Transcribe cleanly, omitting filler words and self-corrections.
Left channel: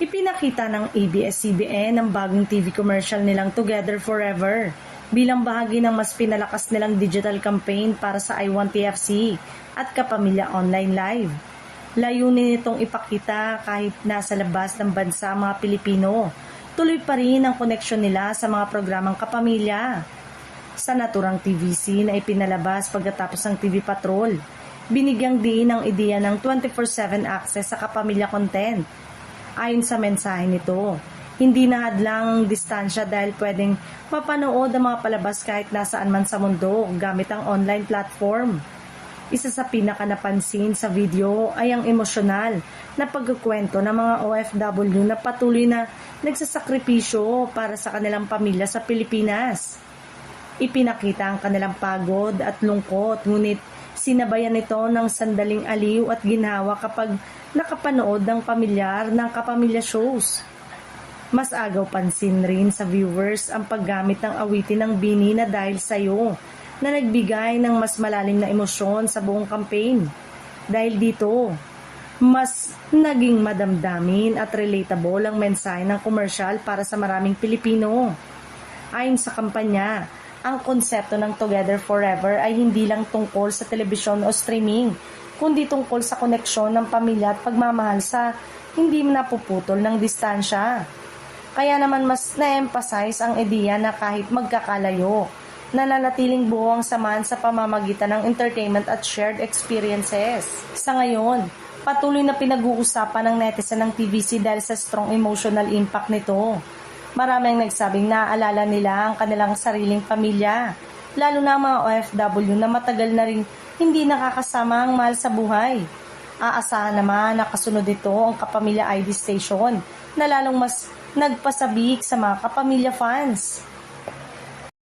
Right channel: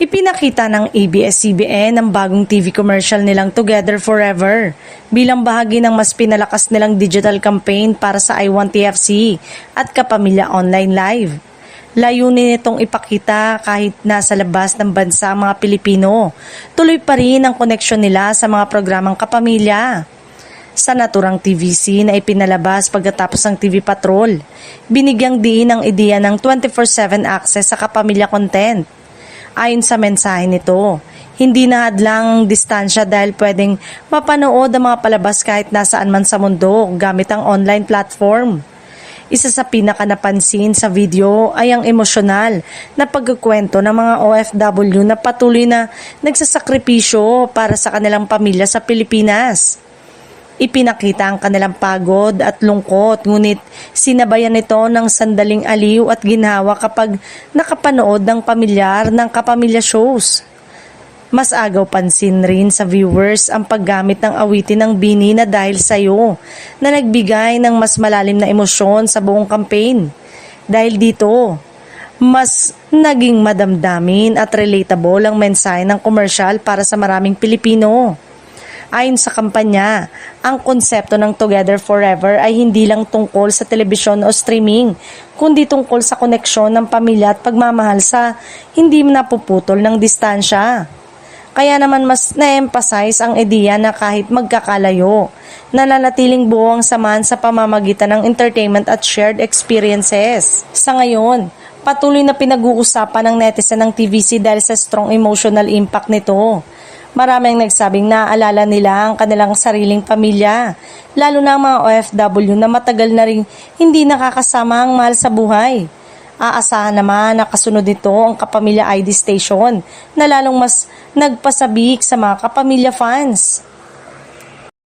Ipinakita ng ABS-CBN ang bagong TV commercial nilang Together Forever bilang bahagi ng mas pinalakas nilang digital campaign para sa I Want TFC at Kapamilya Online Live. Layunin nitong ipakita kahit nasa labas ng bansa ang mga Pilipino, tuloy pa rin ang koneksyon nila sa mga programang kapamilya. Sa naturang TVC na ipinalabas pagkatapos ng TV Patrol, binigyang diin ang ideya ng 24/7 access sa kapamilya content. Ayon sa mensahe nito, hindi na hadlang ang distansya dahil pwedeng mapanood ang mga palabas kahit nasaan man sa mundo gamit ang online platform. Isa sa pinakanapansin sa video ay ang emosyonal na pagkukwento ng mga OFW na patuloy na nagsasakripisyo para sa kanilang pamilya sa Pilipinas. Ipinakita ang kanilang pagod at lungkot, ngunit sinabayan nito ng sandaling aliw at ginhawa kapag nakapanood ng pamilyar ng kapamilya shows. Mas agaw pansin rin sa viewers ang paggamit ng awitin ng Bini na Dahil Sa'yo na nagbigay ng mas malalim na emosyon sa buong campaign. Dahil dito, mas naging madamdamin at relatable ang mensahe ng commercial para sa maraming Pilipino. Ayon sa kampanya, ang konsepto ng Together Forever ay hindi lang tungkol sa telebisyon o streaming, kundi tungkol sa koneksyon ng pamilya at pagmamahal sa hindi napuputol ng distansya. Kaya naman mas na-emphasize ang ideya na kahit magkakalayo, nananatiling buo ang samahan sa pamamagitan ng entertainment at shared experiences. Sa ngayon, patuloy na pinag-uusapan ng netizen ng TVC dahil sa strong emotional impact nito. Maraming nagsabing naaalala nila ang kanilang sariling pamilya, lalo na ang mga OFW na matagal na rin hindi nakakasama ang mahal sa buhay. Aasahan naman na kasunod nito ang Kapamilya ID Station na lalong mas nagpasabik sa mga kapamilya fans.